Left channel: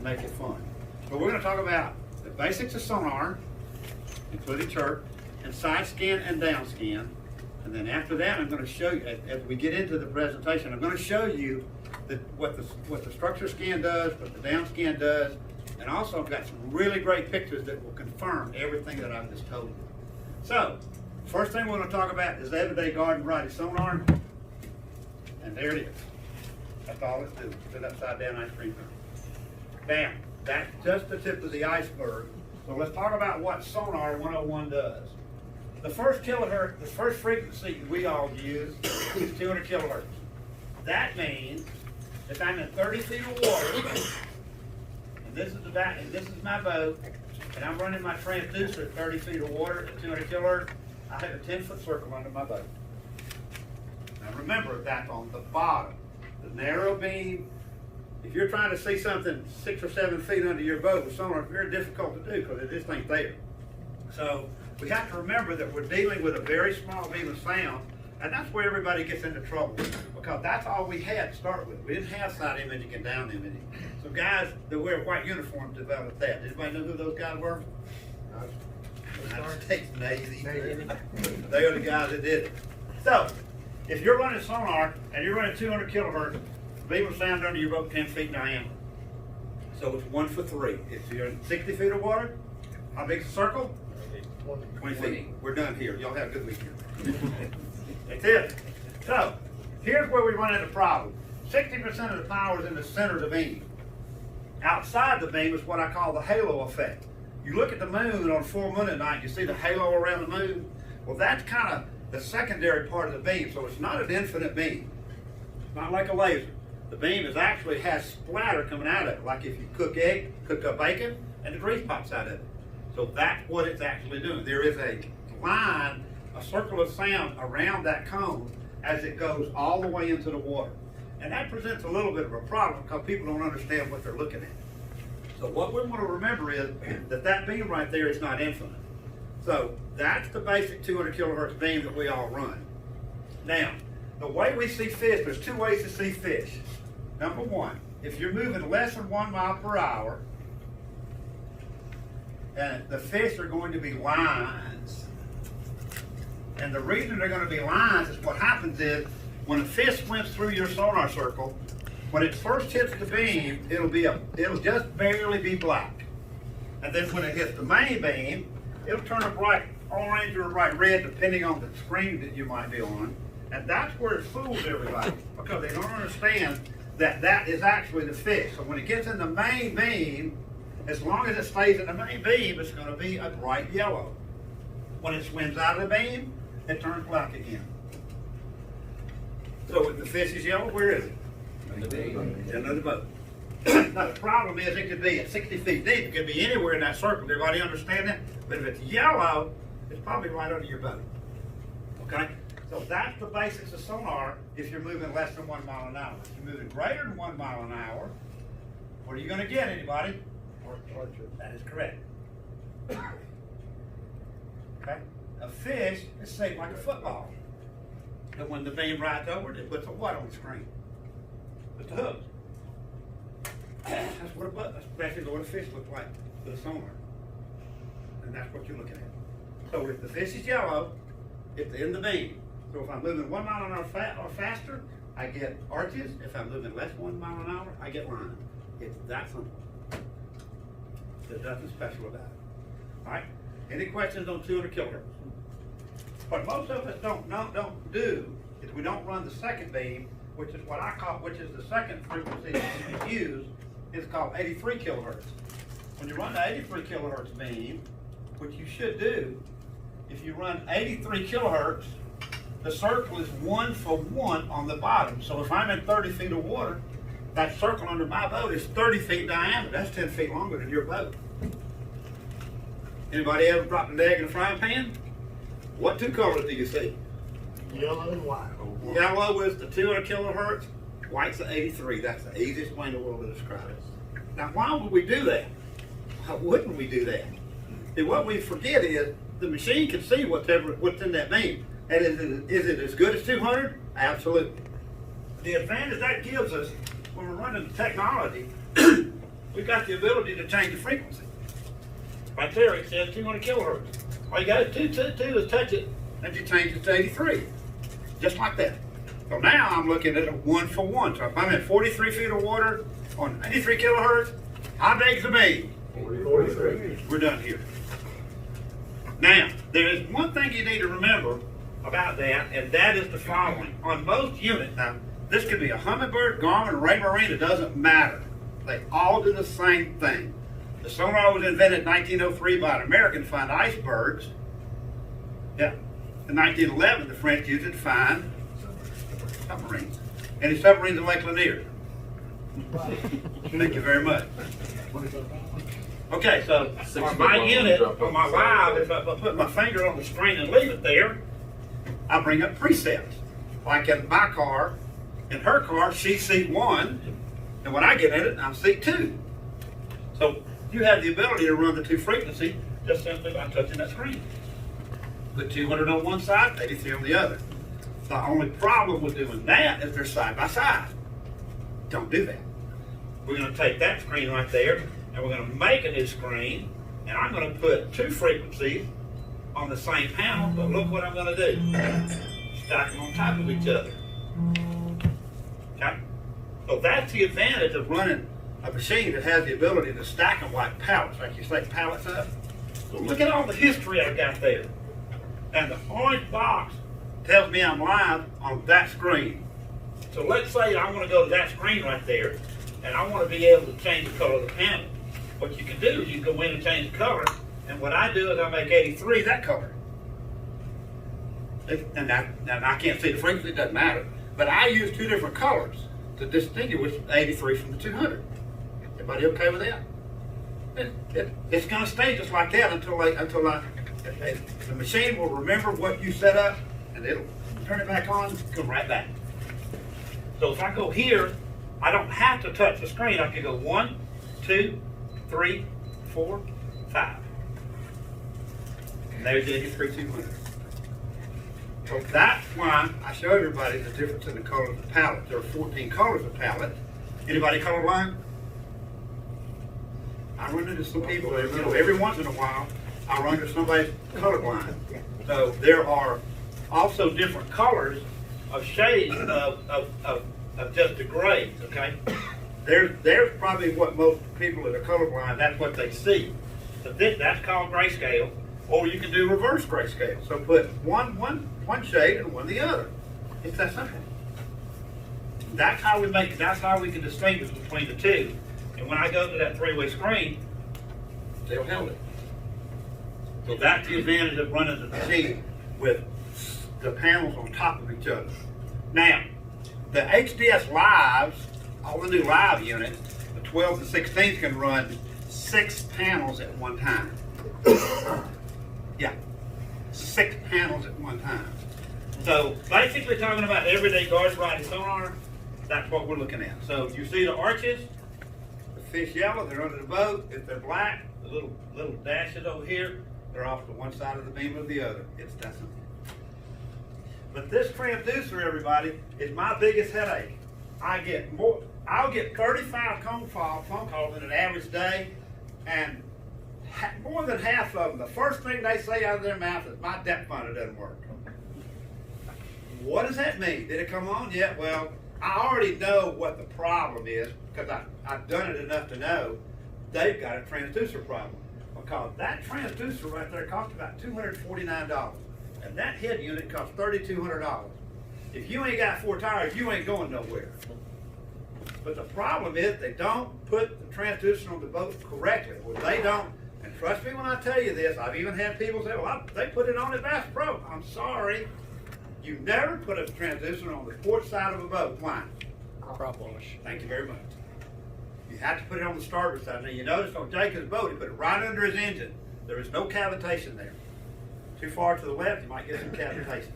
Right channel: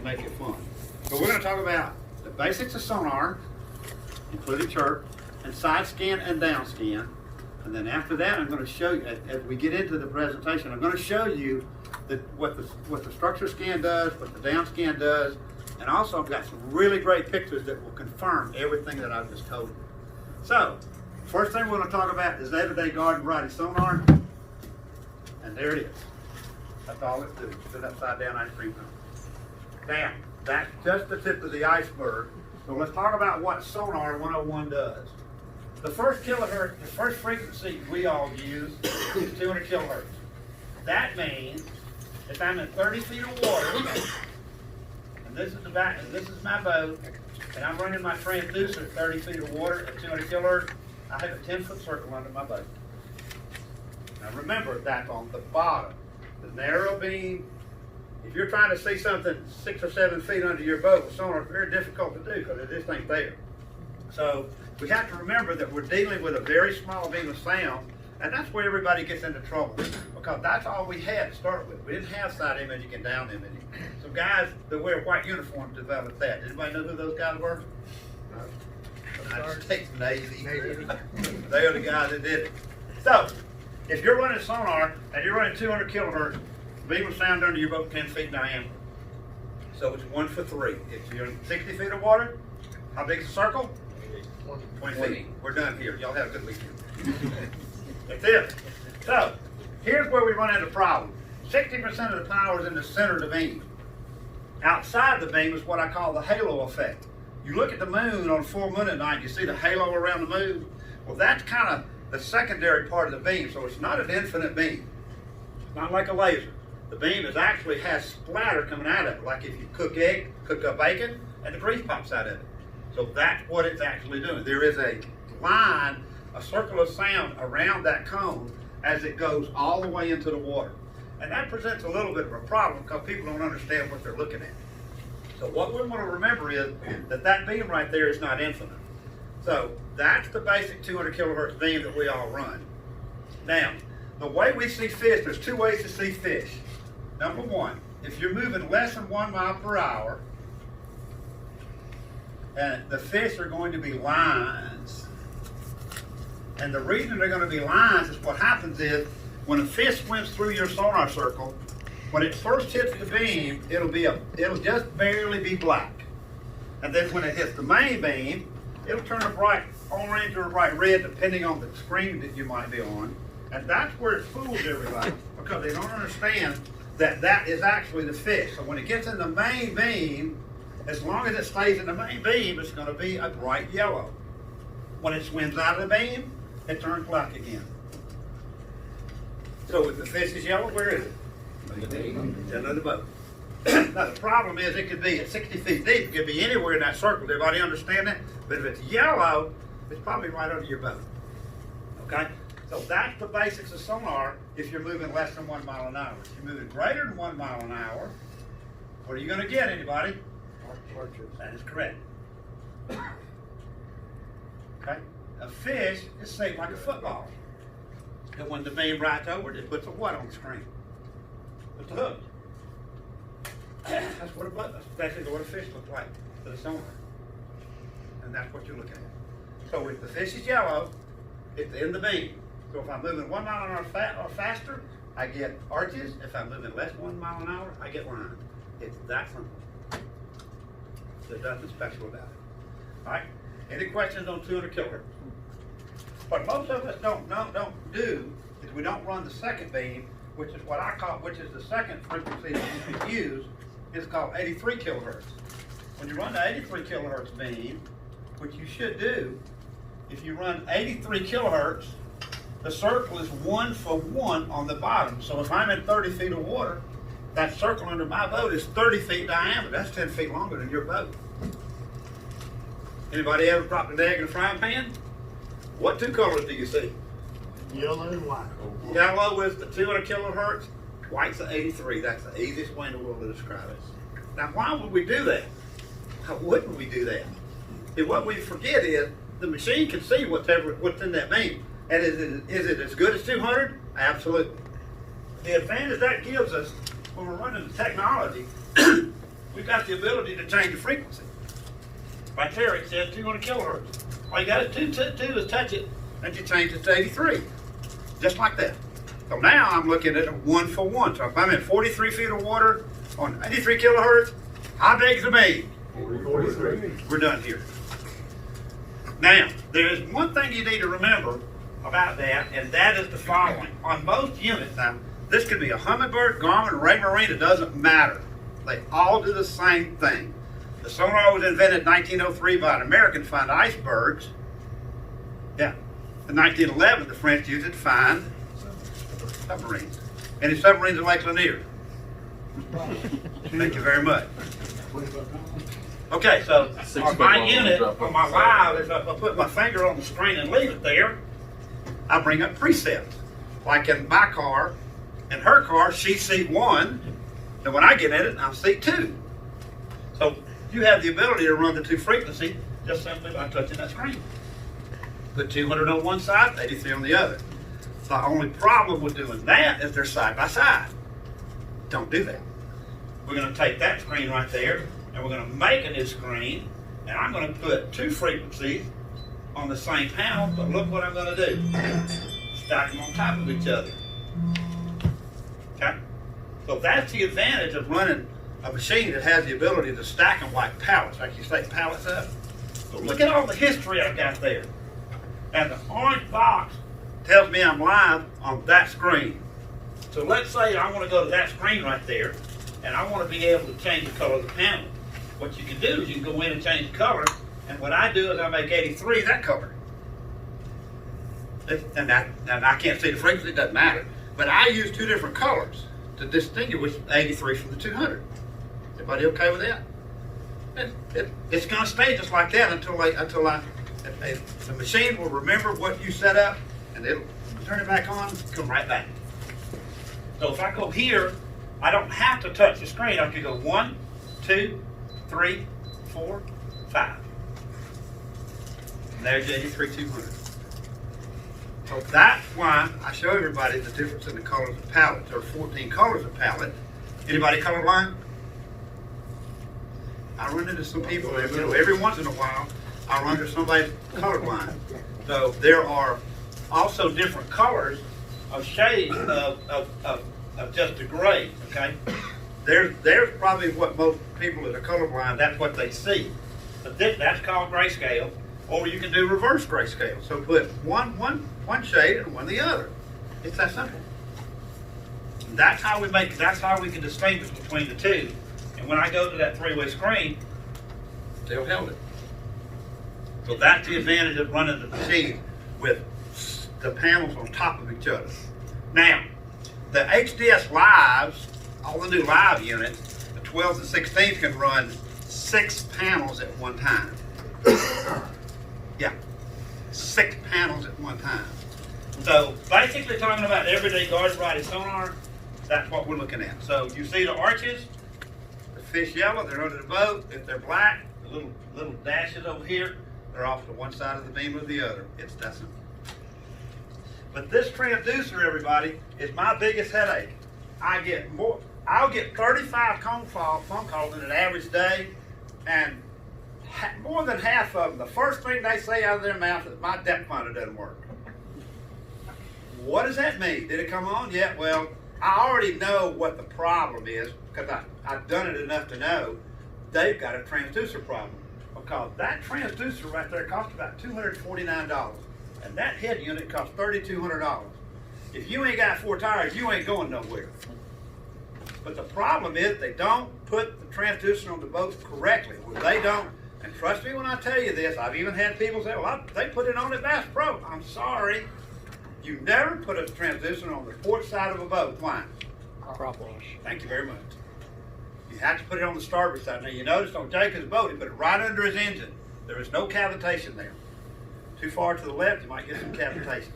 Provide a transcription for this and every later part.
and make it fun. But we're going to talk about the basics of sonar, including chirp, and side scan and down scan. And then after that, I'm going to show you, as we get into the presentation, I'm going to show you what the structure scan does, what the down scan does, and also I've got some really great pictures that will confirm everything that I've just told you. So, first thing we're going to talk about is everyday garden variety sonar, and there it is. That's all it's doing. It's an upside down ice cream cone. Now, that's just the tip of the iceberg. So let's talk about what Sonar 101 does. The first kilohertz, the first frequency we all use is 200 kilohertz. That means if I'm in 30 feet of water, and this is my boat, and I'm running my transducer at 30 feet of water at 200 kilohertz, I have a 10-foot circle under my boat. Now remember, that's on the bottom. The narrow beam, if you're trying to see something 6 or 7 feet under your boat with sonar, it's very difficult to do because it just ain't there. So we have to remember that we're dealing with a very small beam of sound, and that's where everybody gets into trouble because that's all we had to start with. We didn't have side imaging and down imaging. So guys that wear white uniforms developed that. Anybody know who those guys were? United States Navy. They are the guys that did it. So if you're running sonar and you're running 200 kilohertz, beam of sound under your boat 10 feet diameter. So it's 1 for 3. If you're in 60 feet of water, how big's the circle? 20 feet. We're done here. Y'all have a good weekend. That's it. So here's where we run into a problem. 60% of the power is in the center of the beam. Outside the beam is what I call the halo effect. You look at the moon on full moon at night, you see the halo around the moon. Well, that's kind of the secondary part of the beam, so it's not an infinite beam. It's not like a laser. The beam actually has splatter coming out of it, like if you cook up bacon, and the grease pops out of it. So that's what it's actually doing. There is a line, a circle of sound around that cone as it goes all the way into the water. And that presents a little bit of a problem because people don't understand what they're looking at. So what we want to remember is that beam right there is not infinite. So that's the basic 200 kilohertz beam that we all run. Now, the way we see fish, there's 2 ways to see fish. Number one, if you're moving less than 1 mile per hour, and the fish are going to be lines. And the reason they're going to be lines is what happens is when a fish swims through your sonar circle, when it first hits the beam, it'll just barely be black. And then when it hits the main beam, it'll turn a bright orange or a bright red depending on the screen that you might be on. And that's where it fools everybody because they don't understand that is actually the fish. So when it gets in the main beam, as long as it stays in the main beam, it's going to be a bright yellow. When it swims out of the beam, it turns black again. So if the fish is yellow, where is it? Under the boat. Now the problem is it could be at 60 feet deep. It could be anywhere in that circle. Everybody understand that? But if it's yellow, it's probably right under your boat. Okay? So that's the basics of sonar if you're moving less than 1 mile an hour. If you're moving greater than 1 mile an hour, what are you going to get, anybody? Arches. That is correct. Okay? A fish is shaped like a football. And when the beam rides over it, it puts a what on the screen? Puts a hook. That's what a fish looks like to the sonar. And that's what you're looking at. So if the fish is yellow, it's in the beam. So if I'm moving 1 mile an hour or faster, I get arches. If I'm moving less than 1 mile an hour, I get lines. It's that simple. There's nothing special about it. All right? Any questions on 200 kilohertz? What most of us don't do is we don't run the second beam, which is the second frequency that you can use, is called 83 kilohertz. When you run the 83 kilohertz beam, which you should do, if you run 83 kilohertz, the circle is 1 for 1 on the bottom. So if I'm in 30 feet of water, that circle under my boat is 30 feet diameter. That's 10 feet longer than your boat. Anybody ever dropped an egg in a frying pan? What 2 colors do you see? Yellow and white. Yellow is the 200 kilohertz, white's the 83. That's the easiest way in the world to describe it. Now, why would we do that? Why wouldn't we do that? And what we forget is the machine can see what's in that beam. And is it as good as 200? Absolutely. The advantage that gives us when we're running the technology we've got the ability to change the frequency. Right there it says 200 kilohertz. All you got to do is touch it and you change it to 83. Just like that. So now I'm looking at a 1-for-1. So if I'm in 43 feet of water on 83 kilohertz, how big is the beam? 43. We're done here. Now, there is one thing you need to remember about that, and that is the following. On most units, now, this could be a Humminbird, Garmin, Ray Marine, it doesn't matter. They all do the same thing. The sonar was invented in 1903 by an American to find icebergs. Yeah. In 1911, the French used it to find submarines. Any submarines in Lake Lanier? Thank you very much. Okay, so on my unit, on my live, if I put my finger on the screen and leave it there, I bring up presets. Like in my car, in her car, she's seat 1, and when I get in it, I'm seat 2. So you have the ability to run the two frequency just simply by touching that screen. Put 200 on one side, 83 on the other. The only problem with doing that is they're side by side. Don't do that. We're going to take that screen right there, and we're going to make a new screen, and I'm going to put two frequencies on the same panel, but look what I'm going to do. Stack them on top of each other. Okay? So that's the advantage of running a machine that has the ability to stack them like pallets, like you say, pallets up. So look at all the history I've got there. And the orange box tells me I'm live on that screen. So let's say I want to go to that screen right there, and I want to be able to change the color of the panel. What you can do is you can go in and change the color, and what I do is I make 83 that color. And I can't see the frequency, it doesn't matter. But I use two different colors to distinguish 83 from the 200. Everybody okay with that? It's going to stay just like that until the machine will remember what you set up, and it'll turn it back on, come right back. So if I go here, I don't have to touch the screen. I can go 1, 2, 3, 4, 5. And there's the 83200. So that's why I show everybody the difference in the colors of palette. There are 14 colors of palette. Anybody colorblind? I run into some people that, every once in a while, I run into somebody colorblind. So there are also different colors of shades of just the grays, okay? There's probably what most people that are colorblind, that's what they see. But that's called grayscale, or you can do reverse grayscale. So put one shade and one the other. It's that simple. That's how we can distinguish between the two. And when I go to that three-way screen, they'll held it. So that's the advantage of running the machine with the panels on top of each other. Now, the HDS Lives, all the new live units, the 12s and 16s can run 6 panels at one time. Yeah, 6 panels at one time. So basically talking about everyday guard body sonar, that's what we're looking at. So you see the arches, the fish yellow, they're under the boat. If they're black, the little dashes over here, they're off to one side of the beam or the other. It's that simple. But this transducer, everybody, is my biggest headache. I'll get 35 phone calls in an average day, and more than half of them, the first thing they say out of their mouth is, my depth finder doesn't work. What does that mean? Did it come on yet? Well, I already know what the problem is, because I've done it enough to know they've got a transducer problem. Because that transducer right there costs about $249. And that head unit costs $3,200. If you ain't got 4 tires, you ain't going nowhere. But the problem is they don't put the transducer on the boat correctly. Well, they don't. And trust me when I tell you this, I've even had people say, well, they put it on at Bass Pro. I'm sorry. You never put a transducer on the port side of a boat. Why? Crop wash. Thank you very much. You have to put it on the starboard side. Now you notice on Jacob's boat, he put it right under his engine. There is no cavitation there. Too far to the left, you might get some cavitation.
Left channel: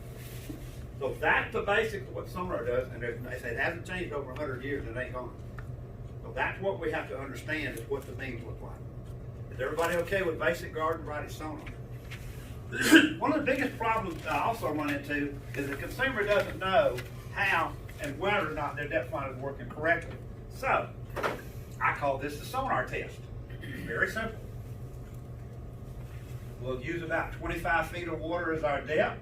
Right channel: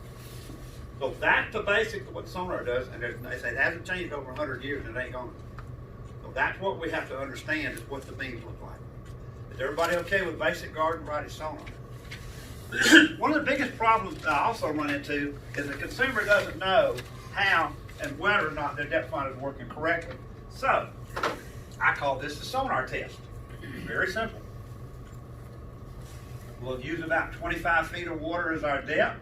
So that's the basics of what sonar does, and they say it hasn't changed over 100 years, and it ain't going to. So that's what we have to understand is what the beams look like. Is everybody okay with basic garden variety sonar? One of the biggest problems I also run into is the consumer doesn't know how and whether or not their depth finder is working correctly. So, I call this the sonar test. Very simple. We'll use about 25 feet of water as our depth.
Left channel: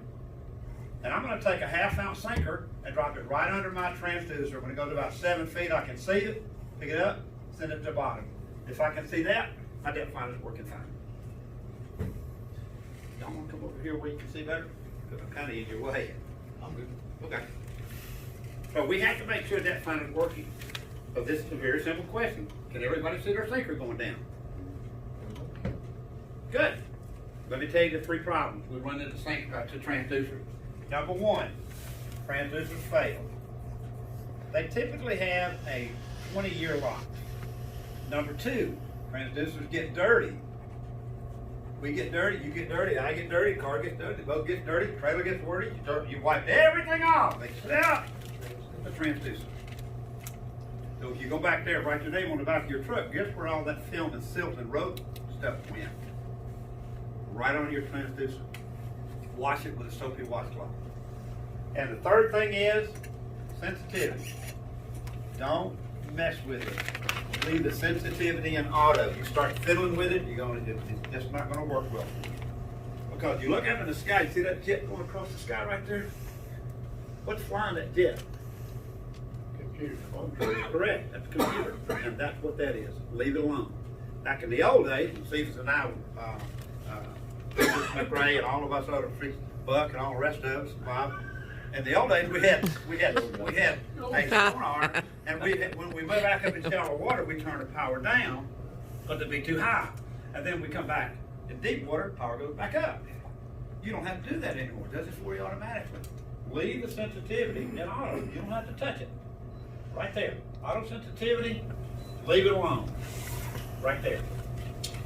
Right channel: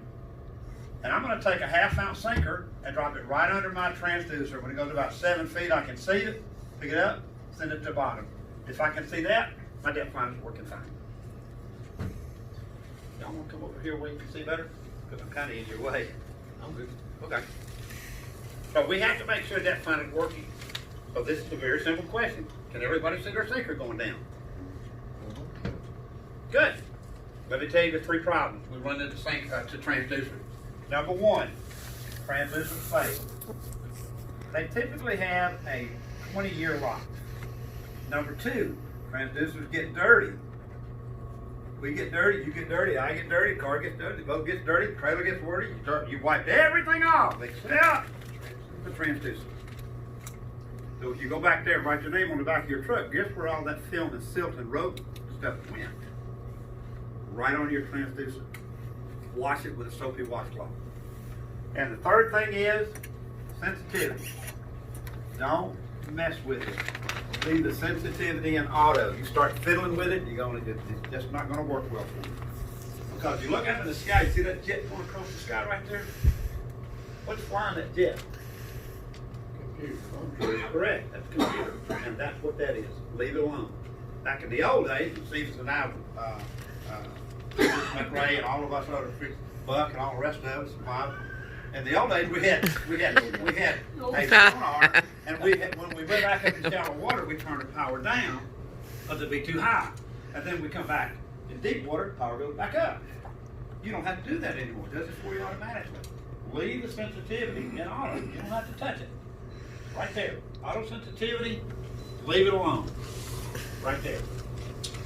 And I'm going to take a 1/2 ounce sinker and drop it right under my transducer. When it goes about 7 feet, I can see it, pick it up, send it to the bottom. If I can see that, my depth finder's working fine. Y'all want to come over here where you can see better? Because I'm kind of in your way. I'm good. Okay. So we have to make sure depth finder's working. So this is a very simple question. Can everybody see their sinker going down? Good. Let me tell you the 3 problems we run into to transducers. Number 1, transducers fail. They typically have a 20-year lock. Number 2, transducers get dirty. We get dirty, you get dirty, I get dirty, car gets dirty, the boat gets dirty, the trailer gets dirty, you wipe everything off except the transducer. So if you go back there, write your name on the back of your truck, guess where all that film and silt and road stuff went? Right on your transducer. Wash it with a soapy washcloth. And the third thing is sensitivity. Don't mess with it. Leave the sensitivity in auto. You start fiddling with it, it's just not going to work well for you. Because you look up in the sky, you see that jet going across the sky right there? What's flying that jet? Computer. Correct. That's a computer. And that's what that is. Leave it alone. Back in the old days, Stevens and I, McRae and all of us other Buck and all the rest of us, Bob. In the old days, we had a sonar, and when we went back up in shallow water, we turned the power down because it'd be too high. And then we come back in deep water, power goes back up. You don't have to do that anymore. It does it for you automatically. Leave the sensitivity in auto. You don't have to touch it. Right there. Auto sensitivity, leave it alone. Right there.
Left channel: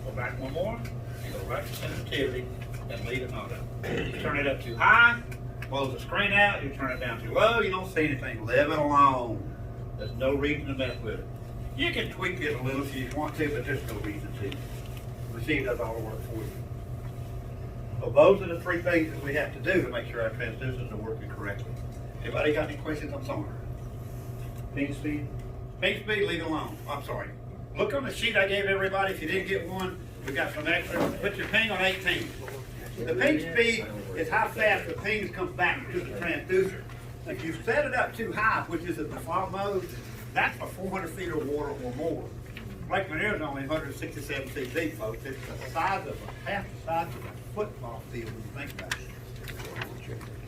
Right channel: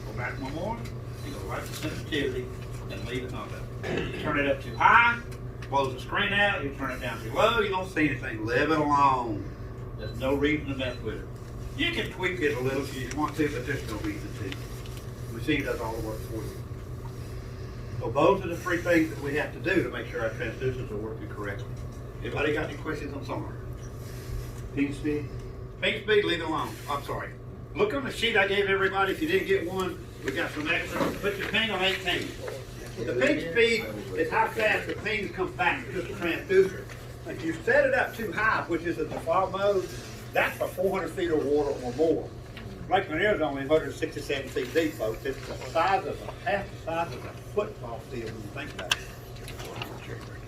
Go back one more. You go right to sensitivity and leave it on auto. You turn it up too high, close the screen out, you turn it down too low, you don't see anything. Leave it alone. There's no reason to mess with it. You can tweak it a little if you want to, but there's no reason to. The machine does all the work for you. So those are the 3 things that we have to do to make sure our transducers are working correctly. Anybody got any questions on sonar? Ping speed? Ping speed, leave it alone. I'm sorry. Look on the sheet I gave everybody. If you didn't get one, we got some extra. Put your ping on 18. The ping speed is how fast the ping comes back to the transducer. If you set it up too high, which is the default mode, that's for 400 feet of water or more. Lake Lanier is only 167 feet deep, folks. It's the size of half the size of a football field when you think about it.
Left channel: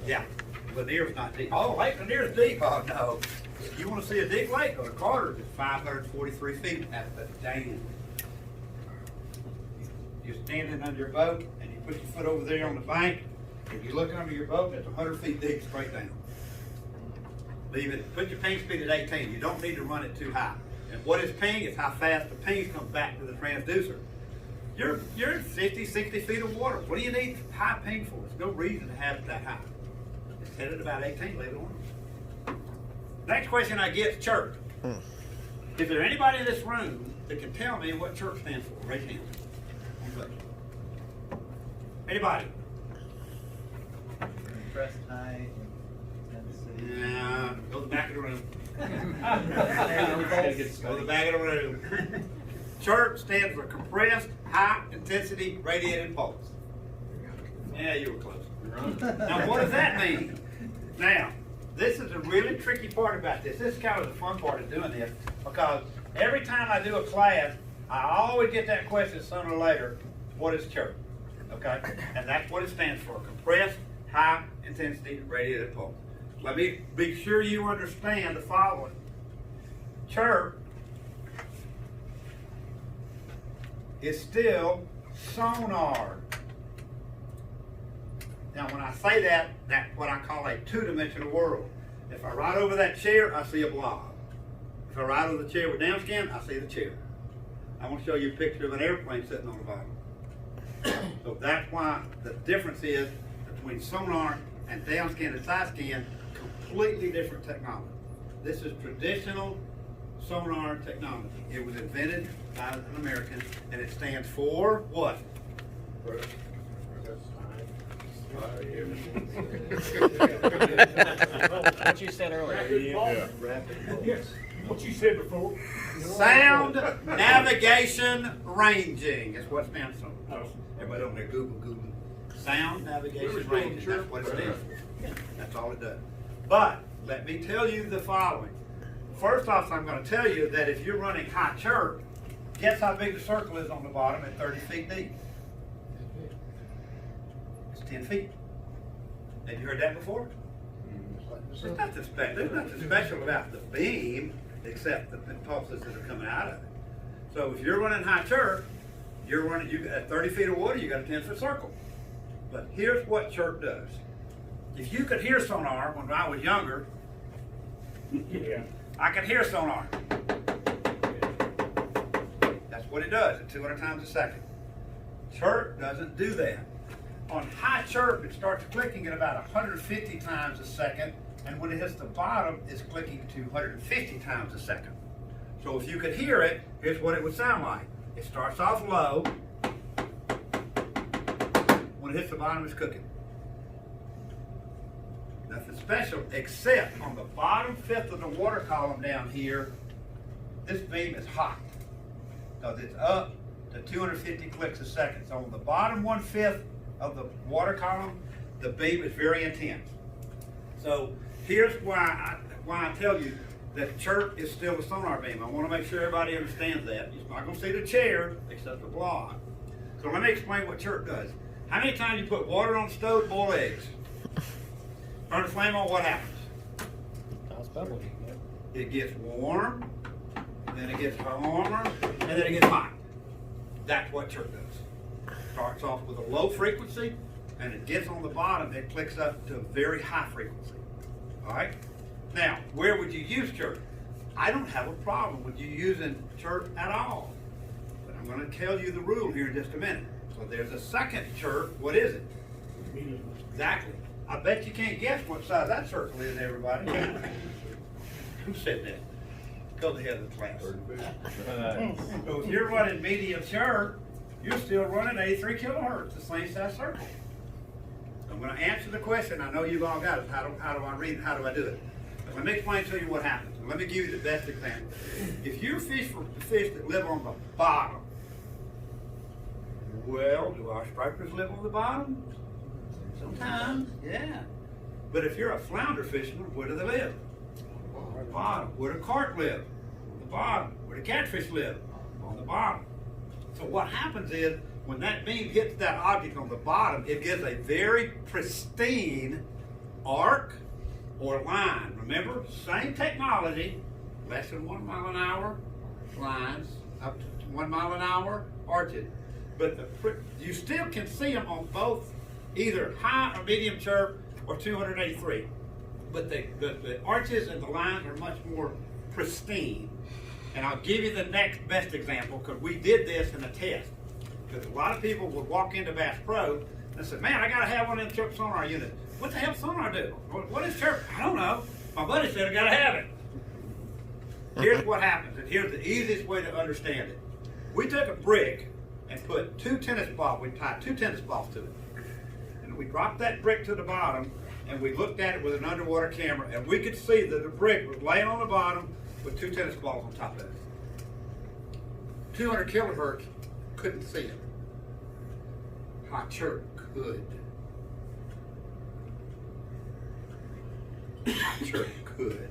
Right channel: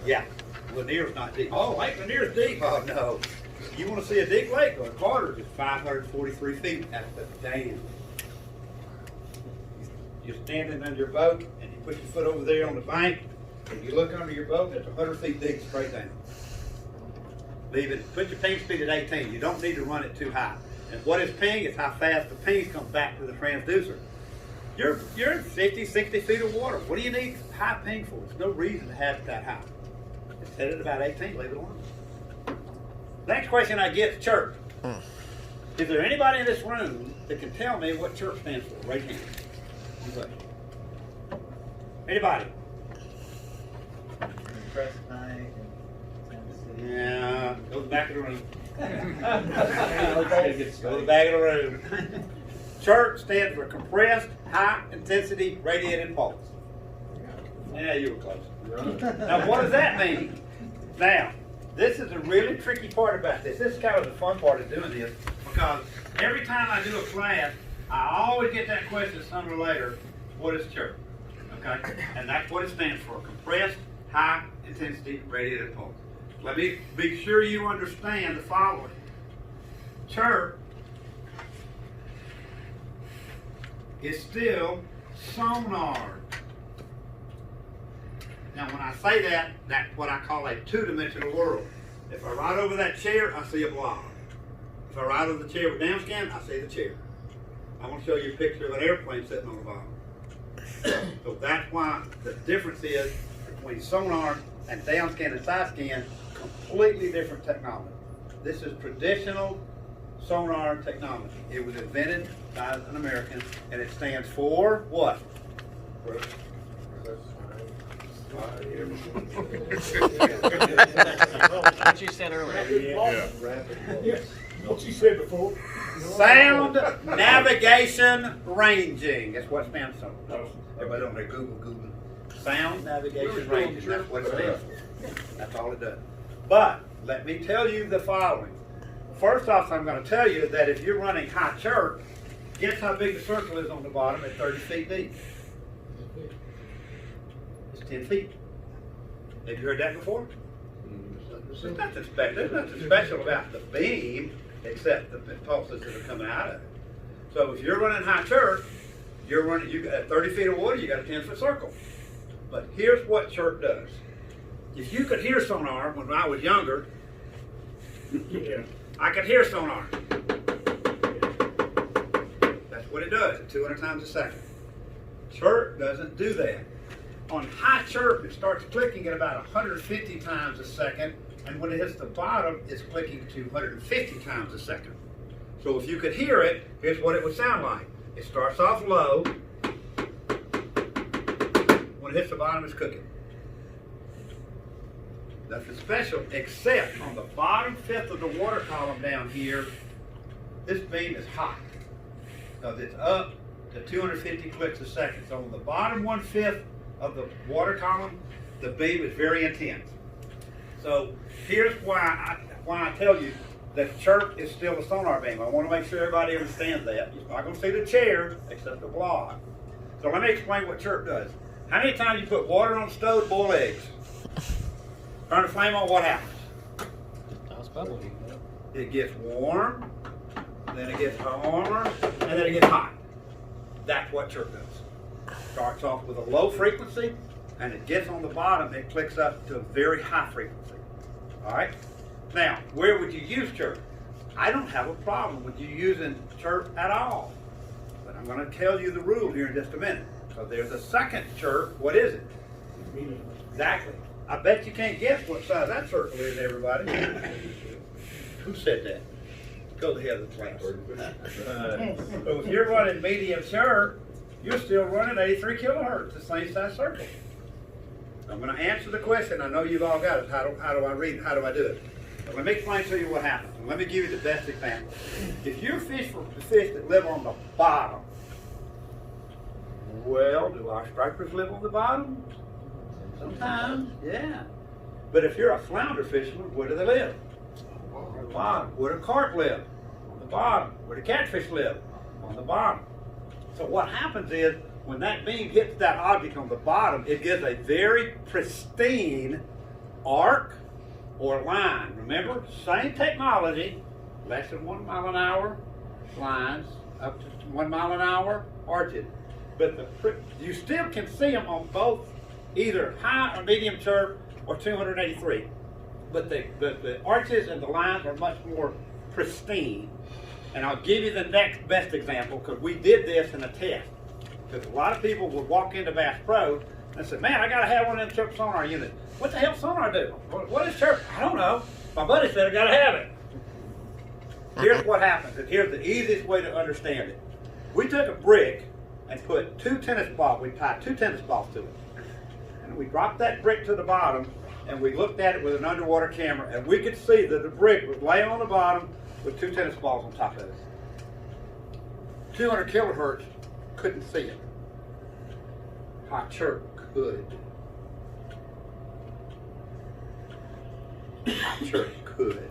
Yeah, Lanier's not deep. Oh, Lake Lanier's deep. Oh, no. You want to see a deep lake, go to Carter's. It's 543 feet at the dam. You're standing under your boat, and you put your foot over there on the bank, and you look under your boat, and it's 100 feet deep straight down. Leave it. Put your ping speed at 18. You don't need to run it too high. And what is ping? It's how fast the ping comes back to the transducer. You're in 50, 60 feet of water. What do you need high ping for? There's no reason to have it that high. It's set at about 18. Leave it alone. Next question I get is chirp. Is there anybody in this room that can tell me what chirp stands for? Raise your hand. Anybody? Anybody? Yeah, go to the back of the room. Go to the back of the room. Chirp stands for compressed, high intensity radiated pulse. Yeah, you were close. Now, what does that mean? Now, this is a really tricky part about this. This is kind of the fun part of doing this, because every time I do a class, I always get that question sooner or later, what is chirp? Okay? And that's what it stands for, compressed, high intensity radiated pulse. Let me be sure you understand the following. Chirp is still sonar. Now when I say that, that's what I call a 2-dimensional world. If I ride over that chair, I see a blob. If I ride over the chair with downscan, I see the chair. I want to show you a picture of an airplane sitting on the bottom. So that's why the difference is between sonar and downscan and side scan, completely different technology. This is traditional sonar technology. It was invented by an American, and it stands for what? What you said earlier. Yes. What you said before. Sound navigation ranging. That's what it stands for. Everybody on there Google. Sound navigation ranging. That's what it stands for. That's all it does. But let me tell you the following. First off, I'm going to tell you that if you're running high chirp, guess how big the circle is on the bottom at 30 feet deep? It's 10 feet. Have you heard that before? There's nothing special about the beam except the pulses that are coming out of it. So if you're running high chirp, you got 30 feet of water, you got a 10-foot circle. But here's what chirp does. If you could hear sonar when I was younger, I could hear sonar. That's what it does at 200 times a second. Chirp doesn't do that. On high chirp, it starts clicking at about 150 times a second, and when it hits the bottom, it's clicking to 150 times a second. So if you could hear it, here's what it would sound like. It starts off low. When it hits the bottom, it's cooking. Nothing special, except on the bottom fifth of the water column down here, this beam is hot. Because it's up to 250 clicks a second. So on the bottom 1/5 of the water column, the beam is very intense. So here's why I tell you that chirp is still a sonar beam. I want to make sure everybody understands that. You're not going to see the chair except the block. So let me explain what chirp does. How many times you put water on the stove to boil eggs? Turn the flame on, what happens? It's bubbly. It gets warm, then it gets warmer, and then it gets hot. That's what chirp does. Starts off with a low frequency, and it gets on the bottom, it clicks up to a very high frequency. All right? Now, where would you use chirp? I don't have a problem with you using chirp at all. But I'm going to tell you the rule here in just a minute. So there's a second chirp. What is it? Medium. Exactly. I bet you can't guess what size that circle is, everybody. Who said that? Go to the other class. So if you're running medium chirp, you're still running 83 kilohertz, the same size circle. I'm going to answer the question. I know you've all got it. How do I read it? How do I do it? But let me explain to you what happens. And let me give you the best example. If you fish for the fish that live on the bottom, well, do our stripers live on the bottom? Sometimes, yeah. But if you're a flounder fisherman, where do they live? On the bottom. Where do carp live? On the bottom. Where do catfish live? On the bottom. So what happens is, when that beam hits that object on the bottom, it gives a very pristine arc or line. Remember, same technology, less than 1 mile an hour lines, up to 1 mile an hour arches. But you still can see them on both either high or medium chirp or 283. But the arches and the lines are much more pristine. And I'll give you the next best example, because we did this in a test. Because a lot of people would walk into Bass Pro and say, man, I got to have one of them chirp sonar units. What the hell sonar do? What is chirp? I don't know. My buddy said I got to have it. Here's what happens, and here's the easiest way to understand it. We took a brick and put 2 tennis balls, we tied 2 tennis balls to it. And we dropped that brick to the bottom, and we looked at it with an underwater camera, and we could see that the brick was laying on the bottom with 2 tennis balls on top of it. 200 kilohertz couldn't see it. High chirp could. High chirp could.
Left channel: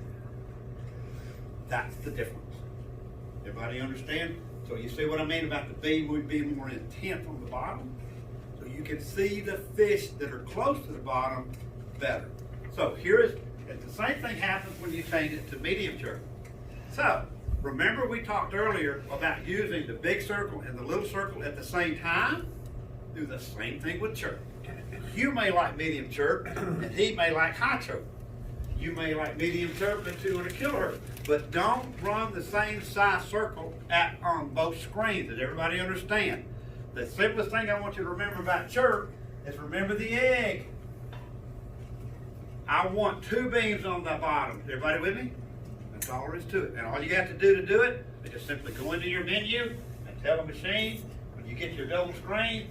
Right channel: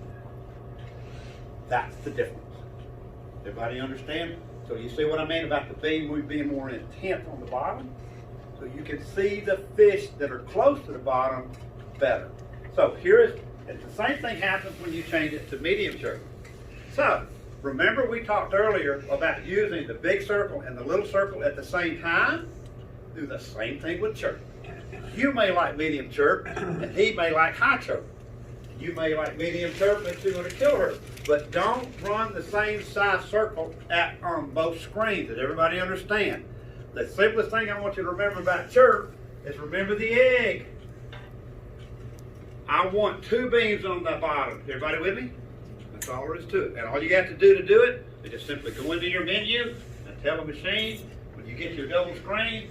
That's the difference. Everybody understand? So you see what I mean about the beam being more intense on the bottom? So you can see the fish that are close to the bottom better. So here is, the same thing happens when you change it to medium chirp. So, remember we talked earlier about using the big circle and the little circle at the same time? Do the same thing with chirp. You may like medium chirp, and he may like high chirp. You may like medium chirp at 200 kilohertz, but don't run the same size circle on both screens. Does everybody understand? The simplest thing I want you to remember about chirp is remember the egg. I want 2 beams on the bottom. Is everybody with me? That's all there is to it. And all you have to do it is just simply go into your menu and tell the machine, when you get your double screen,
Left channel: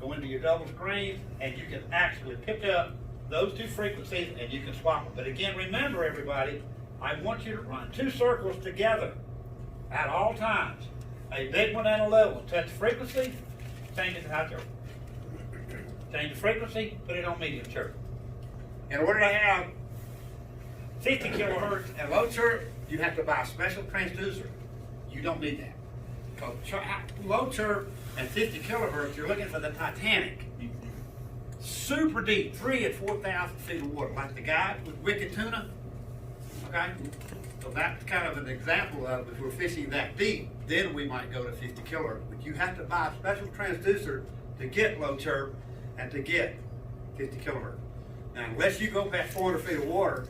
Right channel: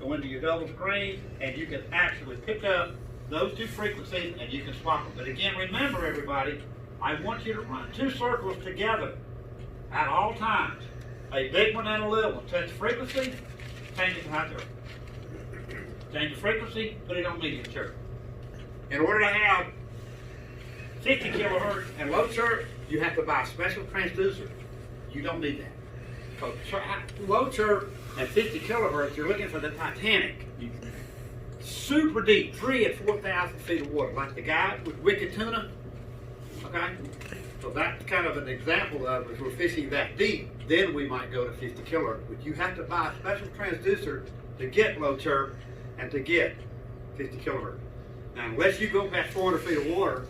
go into your double screen, and you can actually pick up those 2 frequencies and you can swap them. But again, remember everybody, I want you to run 2 circles together. at all times, a big one and a little one. Touch frequency, change it to high chirp. Change the frequency, put it on medium chirp. In order to have 50 kilohertz and low chirp, you have to buy a special transducer. You don't need that. Because low chirp and 50 kilohertz, you're looking for the Titanic. Super deep, 3,000 and 4,000 feet of water, like the guy with wicked tuna. Okay? So that's kind of an example of if we're fishing that deep, then we might go to 50 kilohertz. But you have to buy a special transducer to get low chirp and to get 50 kilohertz. Now, unless you go past 400 feet of water,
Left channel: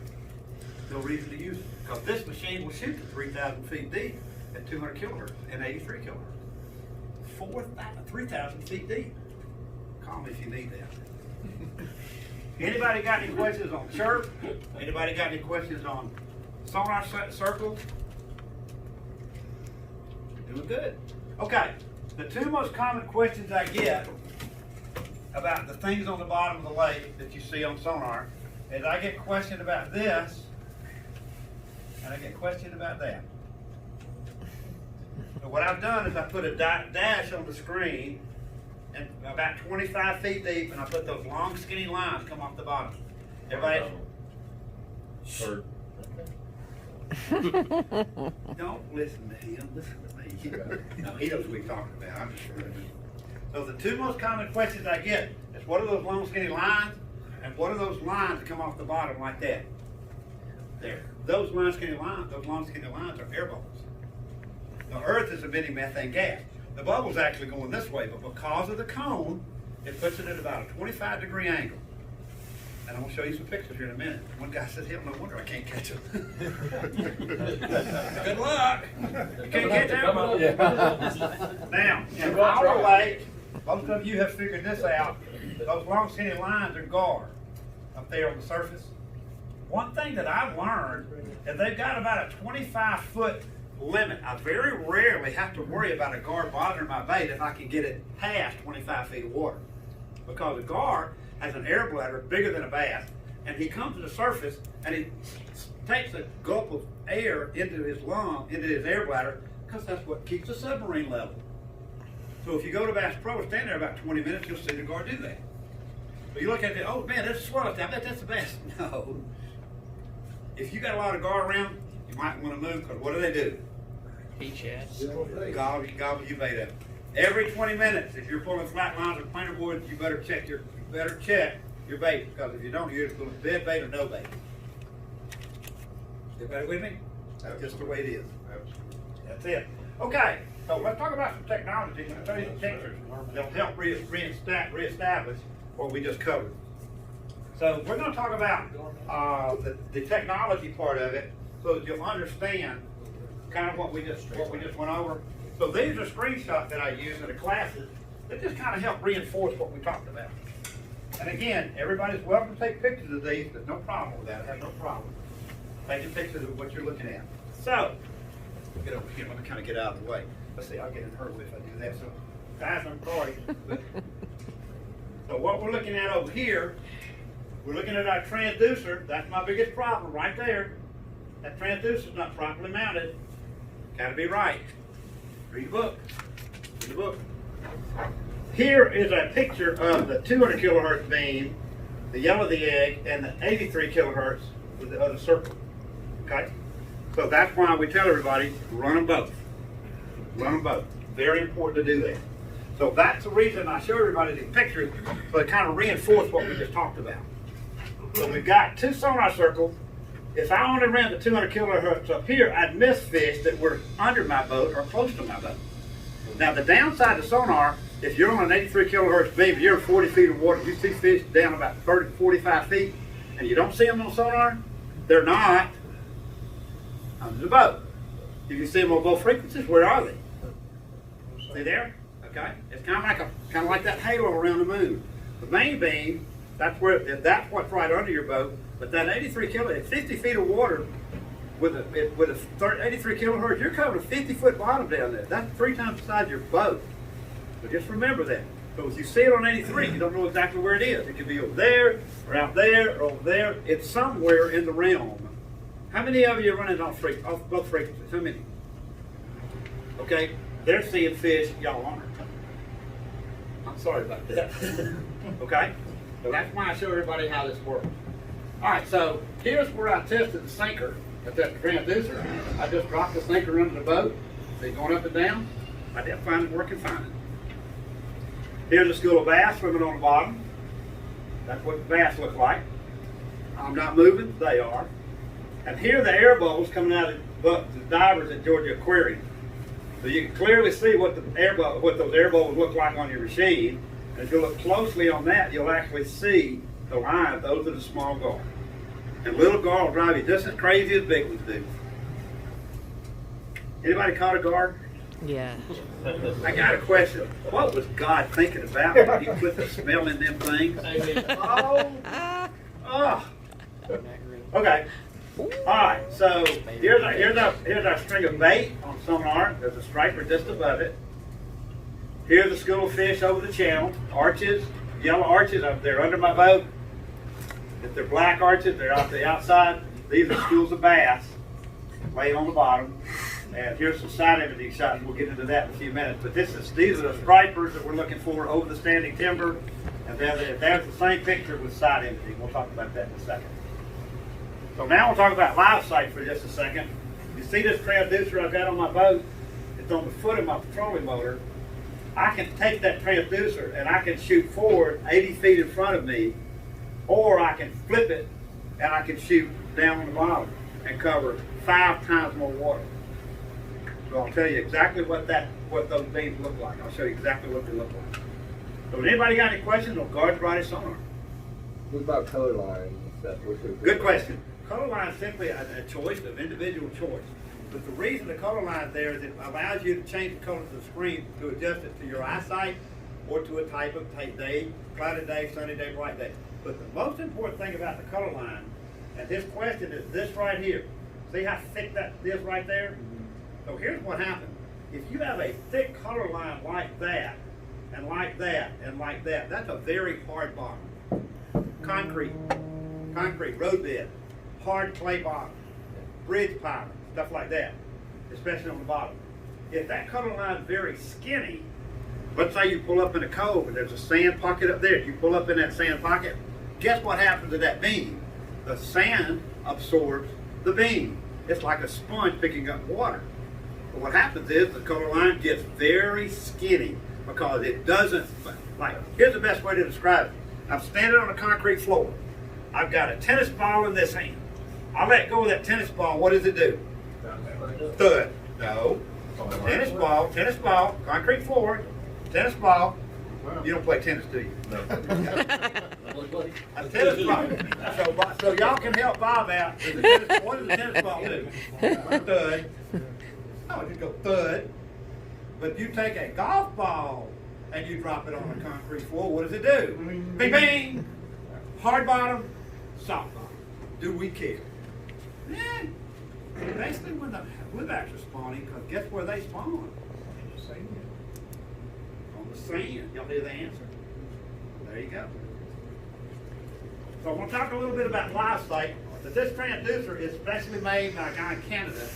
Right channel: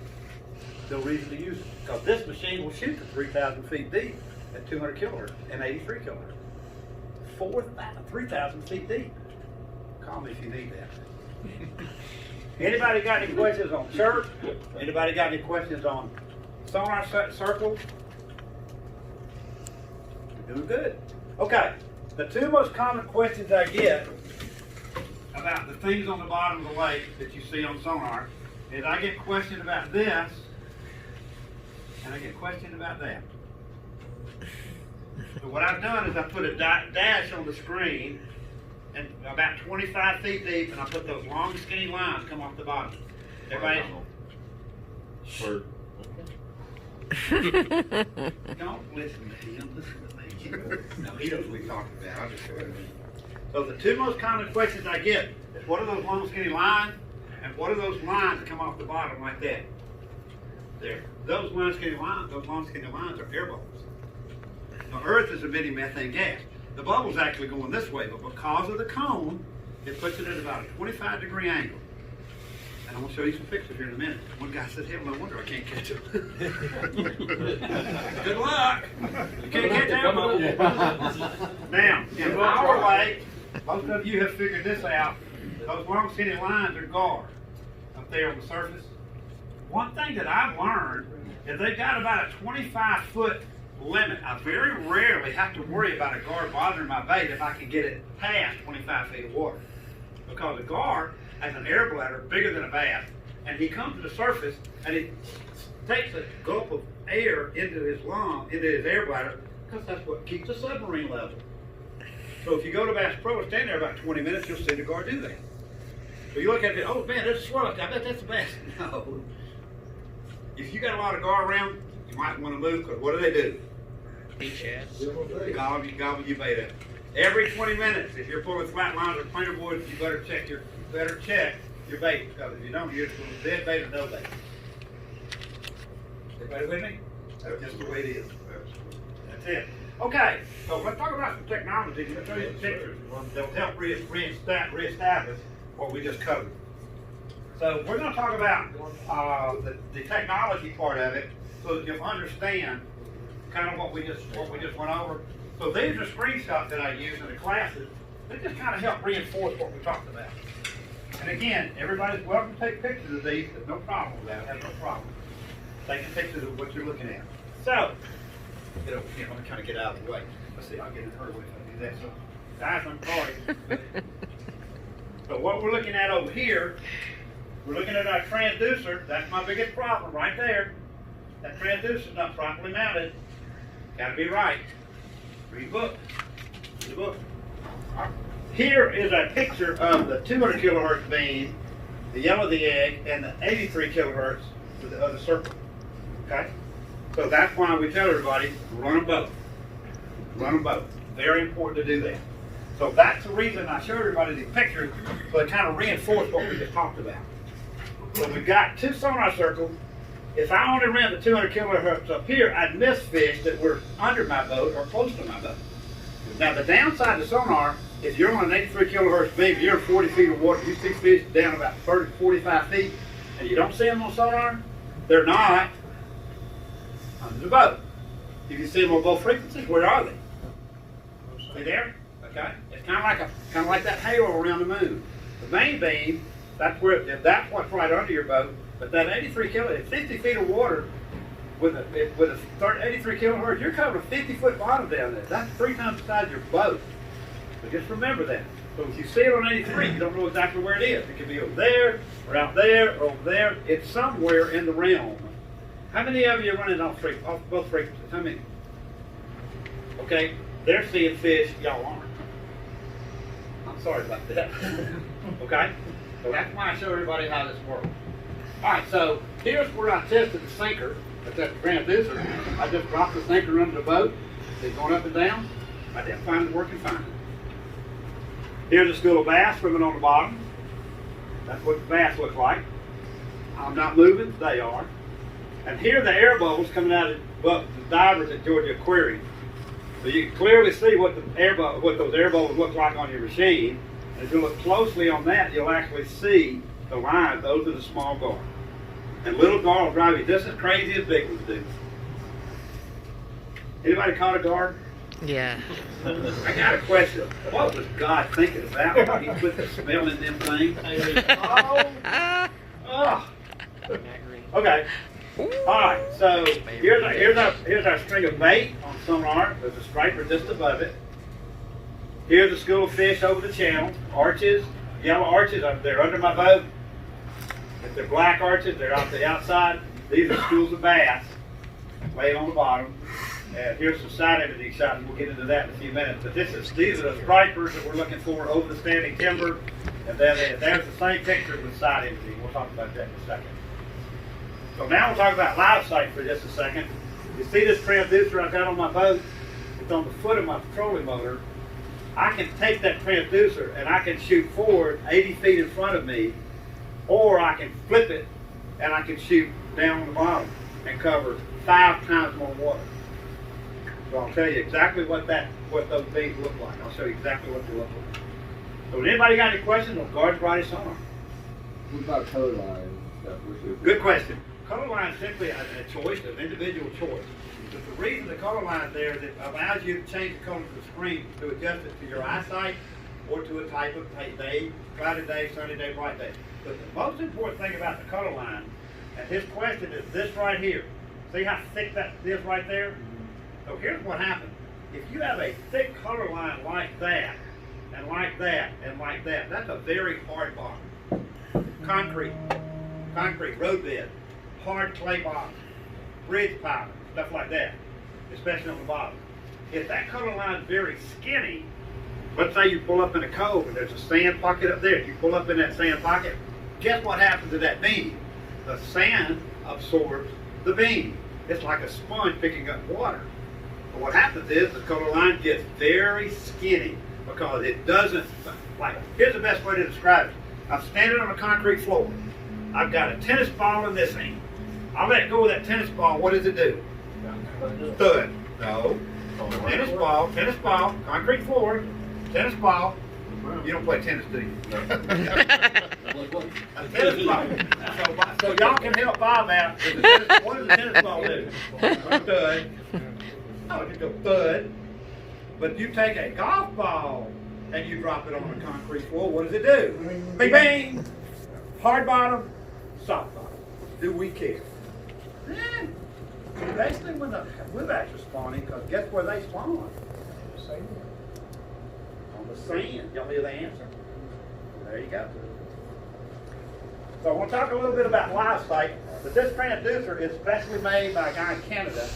no reason to use it. Because this machine will shoot to 3,000 feet deep at 200 kilohertz and 83 kilohertz. 3,000 feet deep. Call me if you need that. Anybody got any questions on chirp? Anybody got any questions on sonar circles? You're doing good. Okay, the two most common questions I get about the things on the bottom of the lake that you see on sonar is I get questioned about this and I get questioned about that. So what I've done is I put a dash on the screen and about 25 feet deep, and I put those long skinny lines come off the bottom. Everybody? Don't listen to him, listen to me. No, he knows what we're talking about. I'll just show you. So the two most common questions I get is what are those long skinny lines, and what are those lines that come off the bottom like that? There. Those long skinny lines are air bubbles. Now, Earth is emitting methane gas. The bubble's actually going this way, but because of the cone, it puts it at about a 25-degree angle. And I'm going to show you some pictures here in a minute. One guy said, hell, no wonder I can't catch him. Good luck. You can't catch that bubble. Now, in our lake, most of you have figured this out. Those long skinny lines are guard up there on the surface. One thing that I've learned is they've got about a 25-foot limit. I very rarely have to worry about a guard bothering my bait if I can get it past 25 feet of water. Because a guard has an air bladder bigger than a bass, and he comes to the surface and he takes a gulp of air into his air bladder, because that's what keeps the submarine level. So if you go to Bass Pro and stand there about 20 minutes, you'll see the guard do that. So you look at it, oh man, there's a swallowtail. I bet that's the bass. No. If you got a lot of guard around, you might want to move, because what do? Beach shads. Gobble you bait up. Every 20 minutes, if you're pulling flat lines or planer boards, you better check your bait, because if you don't, you're just going to dead bait or no bait. Everybody with me? That's just the way it is. That's it. Okay, so let's talk about some technology. I'm going to show you some pictures that'll help reestablish what we just covered. So we're going to talk about the technology part of it, so that you'll understand kind of what we just went over. So these are screenshots that I use in the classes. They just kind of help reinforce what we talked about. And again, everybody's welcome to take pictures of these. There's no problem with that. I have no problem taking pictures of what you're looking at. So, get over here. I'm going to kind of get out of the way. Let's see, I'll get in her way if I do that. So, guys, I'm sorry. So what we're looking at over here, we're looking at our transducer. That's my biggest problem right there. That transducer's not properly mounted. Got to be right. Read the book. Read the book. Here is a picture of the 200 kilohertz beam, the yellow of the egg, and the 83 kilohertz with the other circle. Okay? So that's why we tell everybody, run them both. Run them both. Very important to do that. So that's the reason I showed everybody these pictures, so it kind of reinforce what we just talked about. So we've got two sonar circles. If I only ran the 200 kilohertz up here, I'd miss fish that were under my boat or close to my boat. Now the downside of sonar, if you're on an 83 kilohertz beam, you're in 40 feet of water, you see fish down about 30 to 45 feet, and you don't see them on sonar, they're not under the boat. You can see them on both frequencies. Where are they? See there? Okay. It's kind of like that halo around the moon. The main beam, that's what's right under your boat. But that 83 kilohertz, 50 feet of water with a 83 kilohertz, you're covering a 50-foot bottom down there. That's 3 times the size of your boat. So just remember that. So if you see it on 83, you don't know exactly where it is. It could be over there, or out there, or over there. It's somewhere in the realm. How many of you are running off both frequencies? How many? Okay, they're seeing fish, y'all aren't. I'm sorry about that. Okay, so that's why I show everybody how this works. All right, so here's where I tested the sinker at that transducer. I just dropped the sinker under the boat. See, going up and down. I didn't find it working fine. Here's a school of bass swimming on the bottom. That's what the bass look like. I'm not moving, they are. And here are the air bubbles coming out of the divers at Georgia Aquarium. So you can clearly see what those air bubbles look like on your machine. And if you look closely on that, you'll actually see the line. Those are the small gar. And little gar will drive you just as crazy as big ones do. Anybody caught a gar? Yeah. I got a question. What was God thinking about when he put the smell in them things? Oh. Okay. All right. So here's our string of bait on sonar. There's a striper just above it. Here's a school of fish over the channel. Arches, yellow arches. They're under my boat. If they're black arches, they're off the outside. These are schools of bass laying on the bottom. And here's some side imaging shots. We'll get into that in a few minutes. But these are the stripers that we're looking for over the standing timber. And then there's the same picture with side imaging. We'll talk about that in a second. So now we'll talk about live sight for just a second. You see this transducer I've got on my boat? It's on the foot of my trolling motor. I can take that transducer and I can shoot forward 80 feet in front of me, or I can flip it and I can shoot down on the bottom and cover 5 times more water. So I'll tell you exactly what those beams look like. I'll show you exactly what they look like. So anybody got any questions on guard body sonar? What about color line and stuff? Good question. Color line is simply a choice, an individual choice. But the reason the color line is there is it allows you to change the color of the screen to adjust it to your eyesight or to a type of day, cloudy day, sunny day, bright day. But the most important thing about the color line, and his question is this right here. See how thick that is right there? So here's what happens. If you have a thick color line like that, and like that, and like that, that's a very hard bottom. Concrete, road bed, hard clay bottom, bridge piling, stuff like that, especially on the bottom. If that color line is very skinny, let's say you pull up in a cove and there's a sand pocket up there. If you pull up in that sand pocket, guess what happens to that beam? The sand absorbs the beam. It's like a sponge picking up water. But what happens is the color line gets very skinny because it doesn't, like, here's the best way to describe it. I'm standing on a concrete floor. I've got a tennis ball in this hand. I let go of that tennis ball, what does it do? Thud. No. Tennis ball, concrete floor, tennis ball. You don't play tennis, do you? No. A tennis ball. So y'all can help Bob out. What does a tennis ball do? Thud. Oh, it go thud. But you take a golf ball and you drop it on a concrete floor, what does it do? Bing, bang. Hard bottom, soft bottom. Do we care? Yeah. Basically, when the whipbacks are spawning, because guess where they spawn? On the sand. Y'all hear the answer? There you go. So I want to talk a little bit about live sight. But this transducer is specially made by a guy in Canada,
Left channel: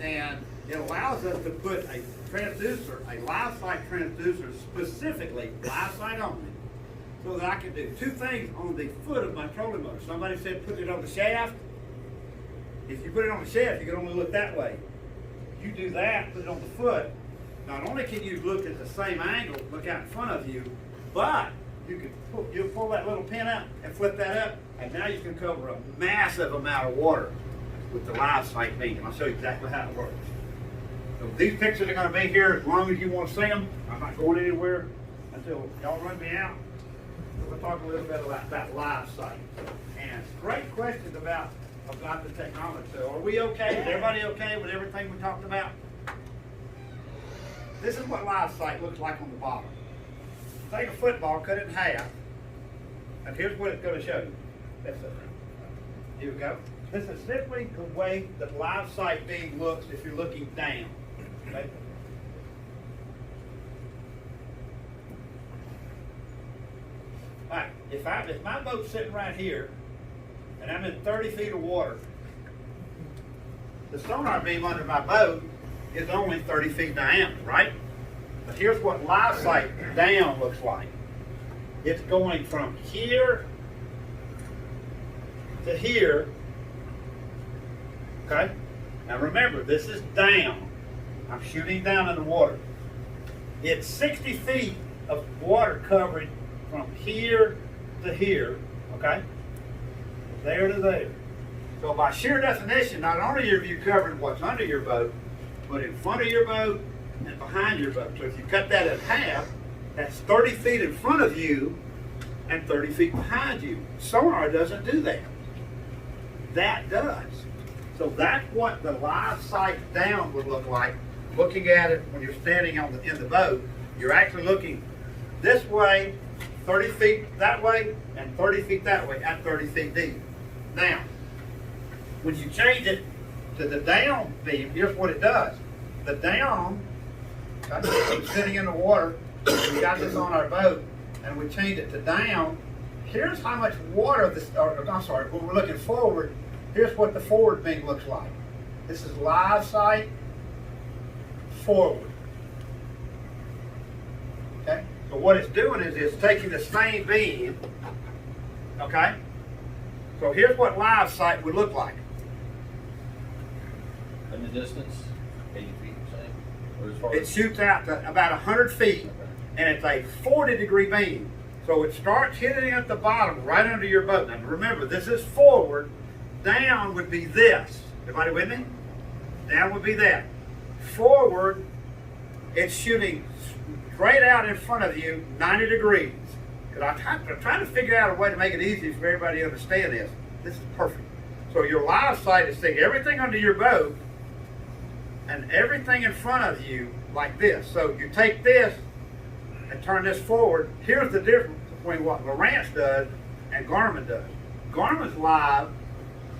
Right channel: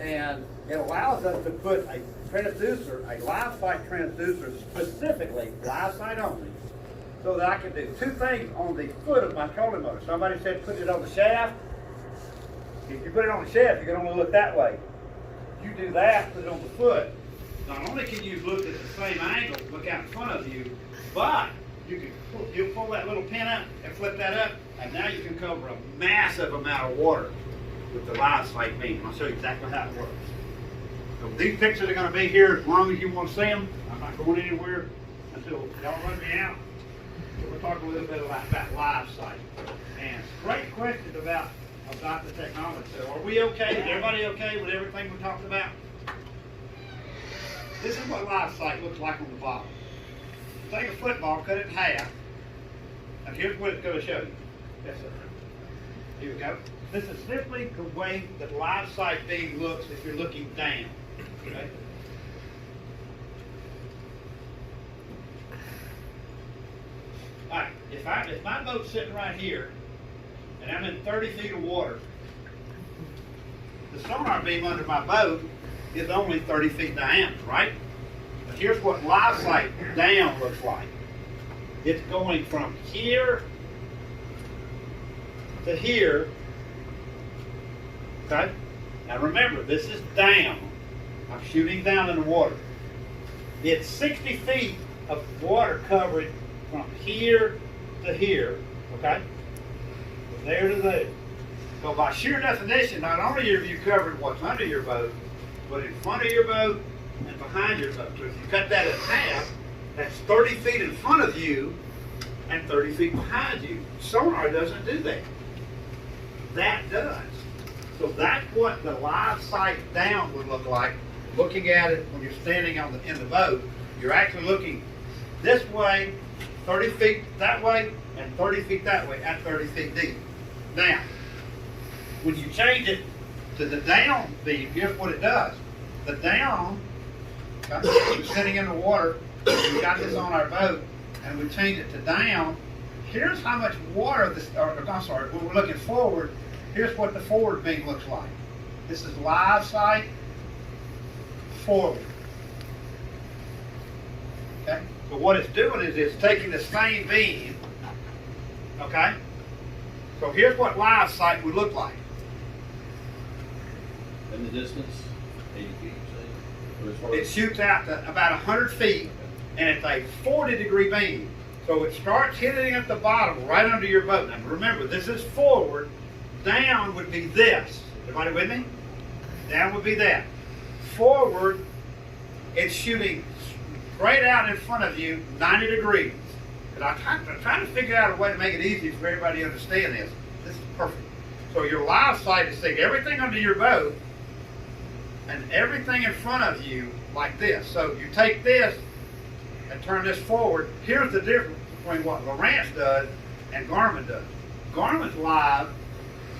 and it allows us to put a transducer, a live sight transducer, specifically live sight only, so that I can do 2 things on the foot of my trolling motor. Somebody said put it on the shaft. If you put it on the shaft, you can only look that way. You do that, put it on the foot. Not only can you look at the same angle, look out in front of you, but you'll pull that little pin out and flip that up, and now you can cover a massive amount of water with the live sight beam. I'll show you exactly how it works. So these pictures are going to be here as long as you want to see them. I'm not going anywhere until y'all run me out. So we'll talk a little bit about live sight. And great questions about the technology. So are we okay? Is everybody okay with everything we talked about? This is what live sight looks like on the bottom. Take a football, cut it in half, and here's what it's going to show you. That's it. Here we go. This is simply the way that live sight beam looks if you're looking down. Okay? All right. If my boat's sitting right here, and I'm in 30 feet of water, the sonar beam under my boat is only 30 feet diameter, right? But here's what live sight down looks like. It's going from here to here. Okay? Now remember, this is down. I'm shooting down in the water. It's 60 feet of water coverage from here to here, okay? From there to there. So by sheer definition, not only have you covered what's under your boat, but in front of your boat and behind your boat. So if you cut that in half, that's 30 feet in front of you and 30 feet behind you. Sonar doesn't do that. That does. So that's what the live sight down would look like. Looking at it when you're standing in the boat, you're actually looking this way, 30 feet that way, and 30 feet that way at 30 feet deep. Now, when you change it to the down beam, here's what it does. The down, okay, sitting in the water, we got this on our boat, and we change it to down. Here's how much water this, I'm sorry, when we're looking forward, here's what the forward beam looks like. This is live sight forward. Okay? So what it's doing is it's taking the same beam, okay? So here's what live sight would look like. And the distance, 80 feet, you're saying? Or as far It as- shoots out to about 100 feet, and it's a 40-degree beam. So it starts hitting at the bottom, right under your boat. Now remember, this is forward. Down would be this. Everybody with me? Down would be that. Forward, it's shooting straight out in front of you, 90 degrees. Because I'm trying to figure out a way to make it easy for everybody to understand this. This is perfect. So your live sight is seeing everything under your boat and everything in front of you like this. So you take this and turn this forward. Here's the difference between what Lowrance does and Garmin does. Garmin's live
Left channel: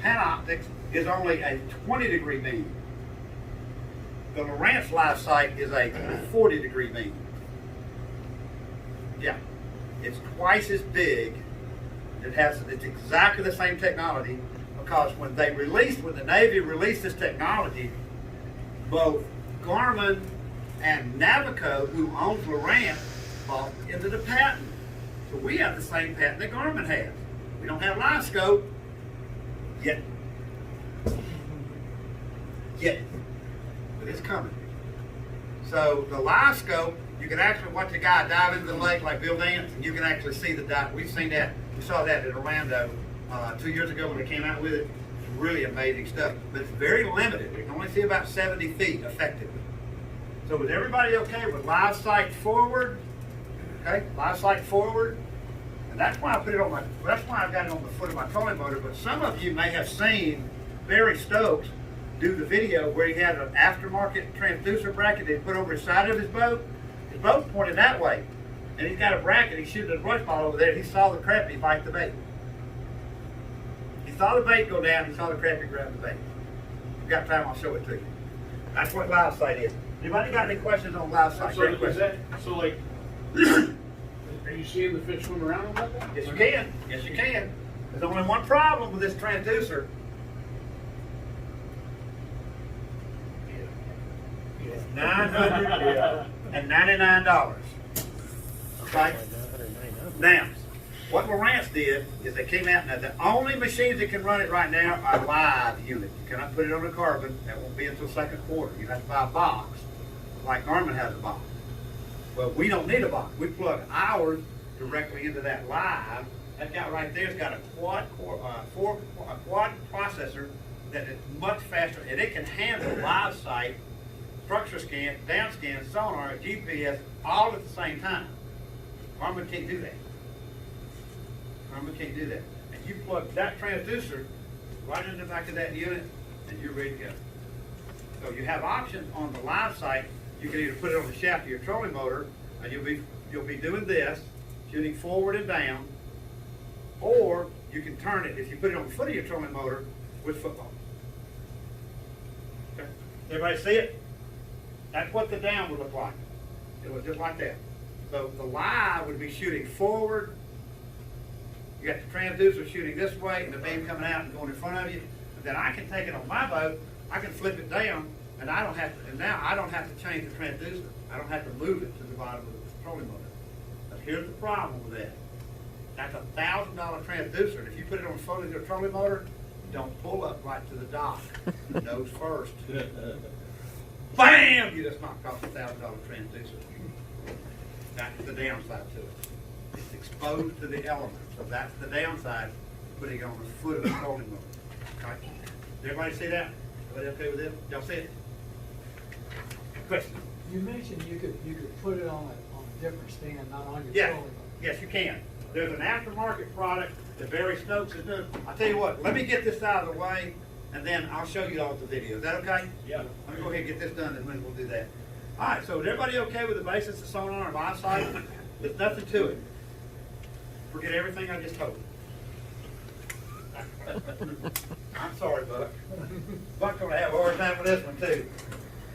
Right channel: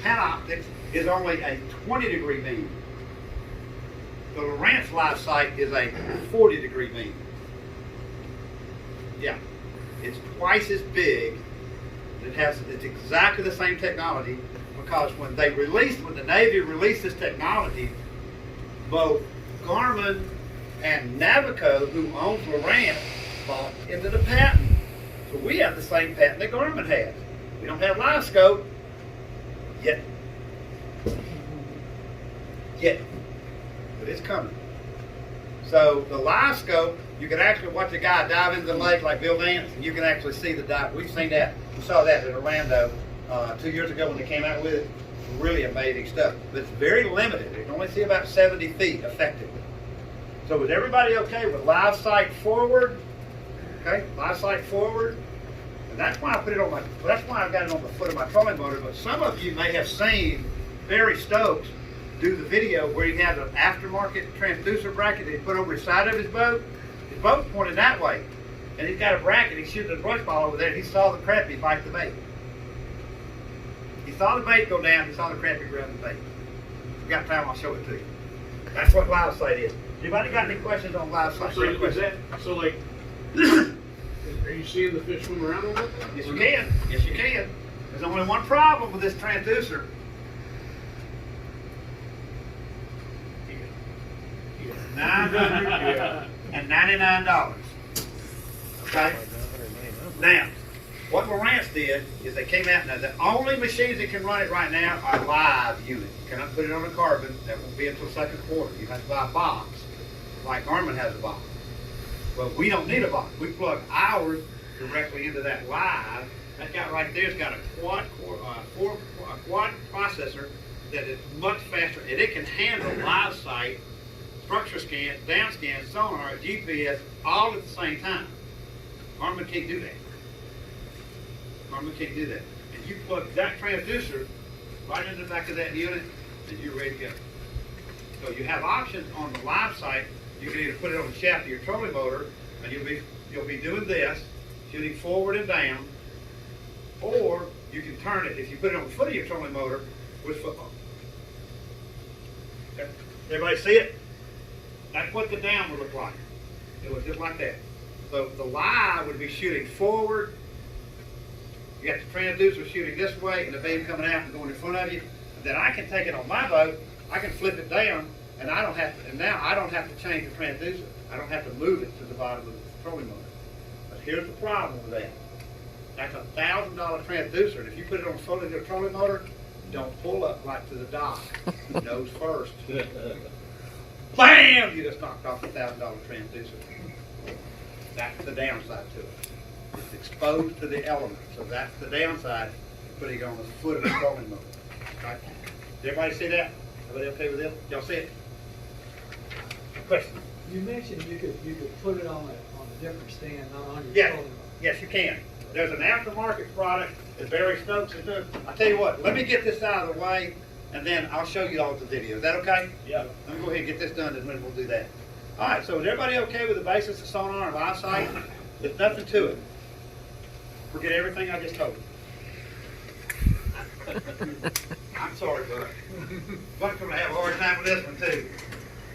panoptics is only a 20-degree beam. The Lowrance live sight is a 40-degree beam. Yeah, it's twice as big. It's exactly the same technology, because when the Navy released this technology, both Garmin and Navico, who owns Lowrance, bought into the patent. So we have the same patent that Garmin has. We don't have live scope yet. But it's coming. So the live scope, you can actually watch a guy dive into the lake like Bill Dance, and you can actually see the dive. We've seen that. We saw that in Orlando 2 years ago when they came out with it. It's really amazing stuff. But it's very limited. They can only see about 70 feet effectively. So is everybody okay with live sight forward? Okay, live sight forward. And that's why I put it on that's why I've got it on the foot of my trolling motor. But some of you may have seen Barry Stokes do the video where he had an aftermarket transducer bracket that he put over the side of his boat. His boat's pointed that way. And he's got a bracket, he's shooting a brush ball over there, and he saw the crappie bite the bait. He saw the bait go down, he saw the crappie grab the bait. If you got time, I'll show it to you. That's what live sight is. Anybody got any questions on live sight? So is that, so like, are you seeing the fish swim around with that? Yes, you can. Yes, you can. There's only one problem with this transducer. $999. Okay? Now, what Lowrance did is they came out, now the only machines that can run it right now are live units. You cannot put it on a carbon. That won't be until second quarter. You have to buy a box, like Garmin has a box. Well, we don't need a box. We plug ours directly into that live. That guy right there's got a quad processor that is much faster, and it can handle live sight, structure scan, down scan, sonar, GPS, all at the same time. Garmin can't do that. Garmin can't do that. And you plug that transducer right in the back of that unit, and you're ready to go. So you have options on the live sight. You can either put it on the shaft of your trolling motor, and you'll be doing this, shooting forward and down, or you can turn it, if you put it on the foot of your trolling motor, with football. Okay. Everybody see it? That's what the down would look like. It would look like that. So the live would be shooting forward. You got the transducer shooting this way, and the beam coming out and going in front of you. And then I can take it on my boat, I can flip it down, And I don't have to, and now I don't have to change the transducer. I don't have to move it to the bottom of the trolling motor. But here's the problem with that. That's $1,000 transducer, and if you put it on a fully trolling motor, don't pull up right to the dock. Nose first. Bam! You just knocked off a $1,000 transducer. That's the downside to it. It's exposed to the elements, so that's the downside of putting it on the foot of the trolling motor. Right? Did everybody see that? Everybody okay with this? Y'all see it? Question? You mentioned you could put it on a different stand, not on your Yeah. trolling motor. Yes, you can. There's an aftermarket product that Barry Stokes is doing. I'll tell you what, let me get this out of the way, and then I'll show you all the video. Is that okay? Yeah. Let me go ahead and get this done, and then we'll do that. All right, so is everybody okay with the basics of sonar and live sight? There's nothing to it. Forget everything I just told you. I'm sorry, bud. Buck's gonna have a hard time with this one, too.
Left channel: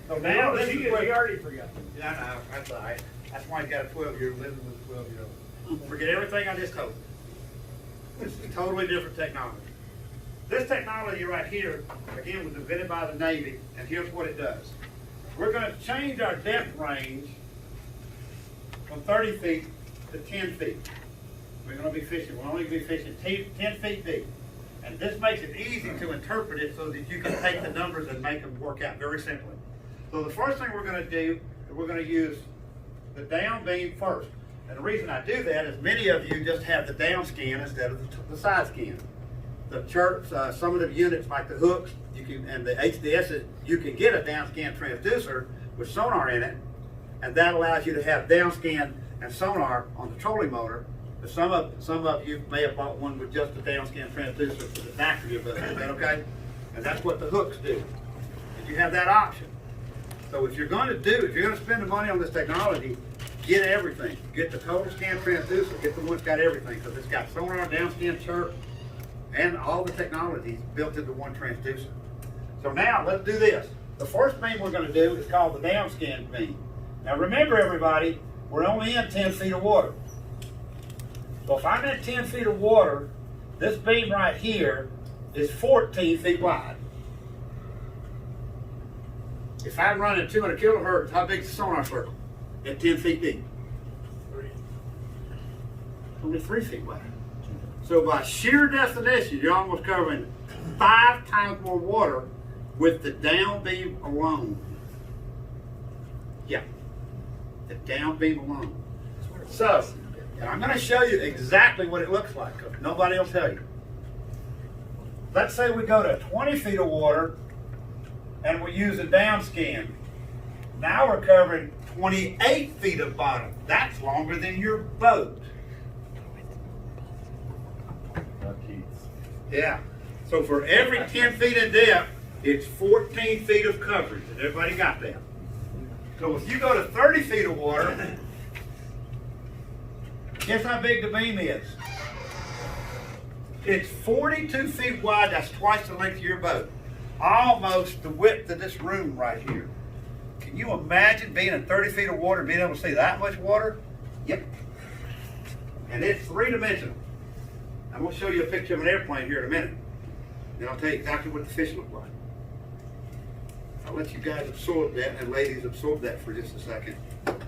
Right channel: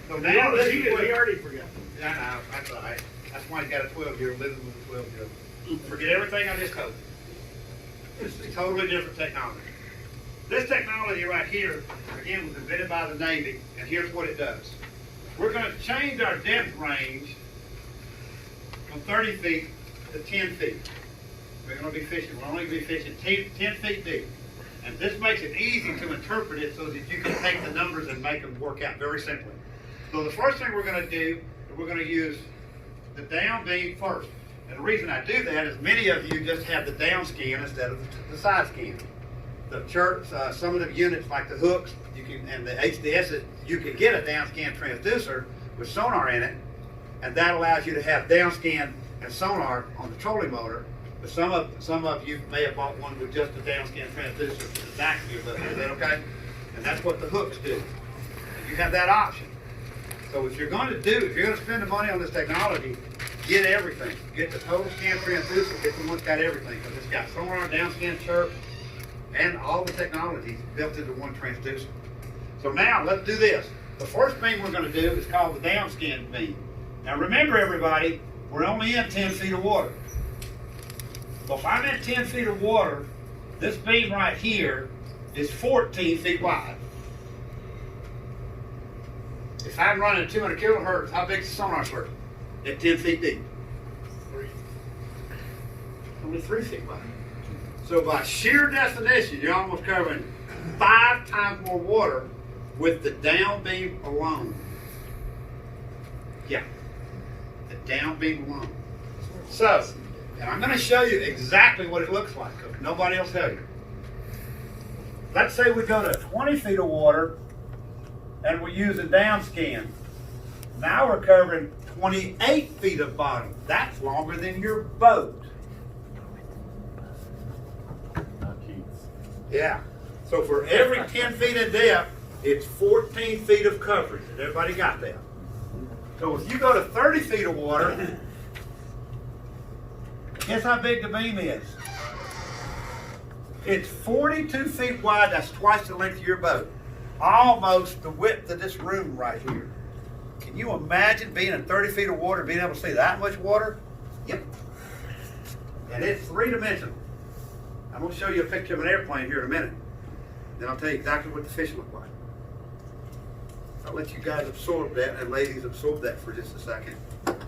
So now, this is what... He already forgot. Yeah, I know, that's all right. That's why he's got a 12-year-old living with a 12-year-old. Forget everything I just told you. This is a totally different technology. This technology right here, again, was invented by the Navy, and here's what it does. We're going to change our depth range from 30 feet to 10 feet. We're going to be fishing, we'll only be fishing 10 feet deep. And this makes it easy to interpret it so that you can take the numbers and make them work out very simply. So the first thing we're going to do is we're going to use the down beam first. And the reason I do that is many of you just have the down scan instead of the side scan. The chirps, some of the units like the hooks, you can, and the HDS, you can get a down scan transducer with sonar in it, and that allows you to have down scan and sonar on the trolling motor. But some of you may have bought one with just a down scan transducer for the back of your boat. Is that okay? And that's what the hooks do. You have that option. So if you're going to spend the money on this technology, get everything. Get the total scan transducer, get the one that's got everything, because it's got sonar, down scan, chirp, and all the technology built into one transducer. So now let's do this. The first beam we're going to do is called the down scan beam. Now remember, everybody, we're only in 10 feet of water. So if I'm in 10 feet of water, this beam right here is 14 feet wide. If I'm running 200 kilohertz, how big is the sonar circle? At 10 feet deep. Only 3 feet wide. So by sheer definition, you're almost covering 5 times more water with the down beam alone. Yeah, the down beam alone. So, and I'm going to show you exactly what it looks like, because nobody will tell you. Let's say we go to 20 feet of water, and we use a down scan. Now we're covering 28 feet of bottom. That's longer than your boat. Yeah. So for every 10 feet in depth, it's 14 feet of coverage. Has everybody got that? So if you go to 30 feet of water, guess how big the beam is? It's 42 feet wide. That's twice the length of your boat. Almost the width of this room right here. Can you imagine being in 30 feet of water, being able to see that much water? Yep. And it's 3-dimensional. I'm going to show you a picture of an airplane here in a minute. Then I'll tell you exactly what the fish look like. I'll let you guys absorb that, and ladies absorb that for just a second.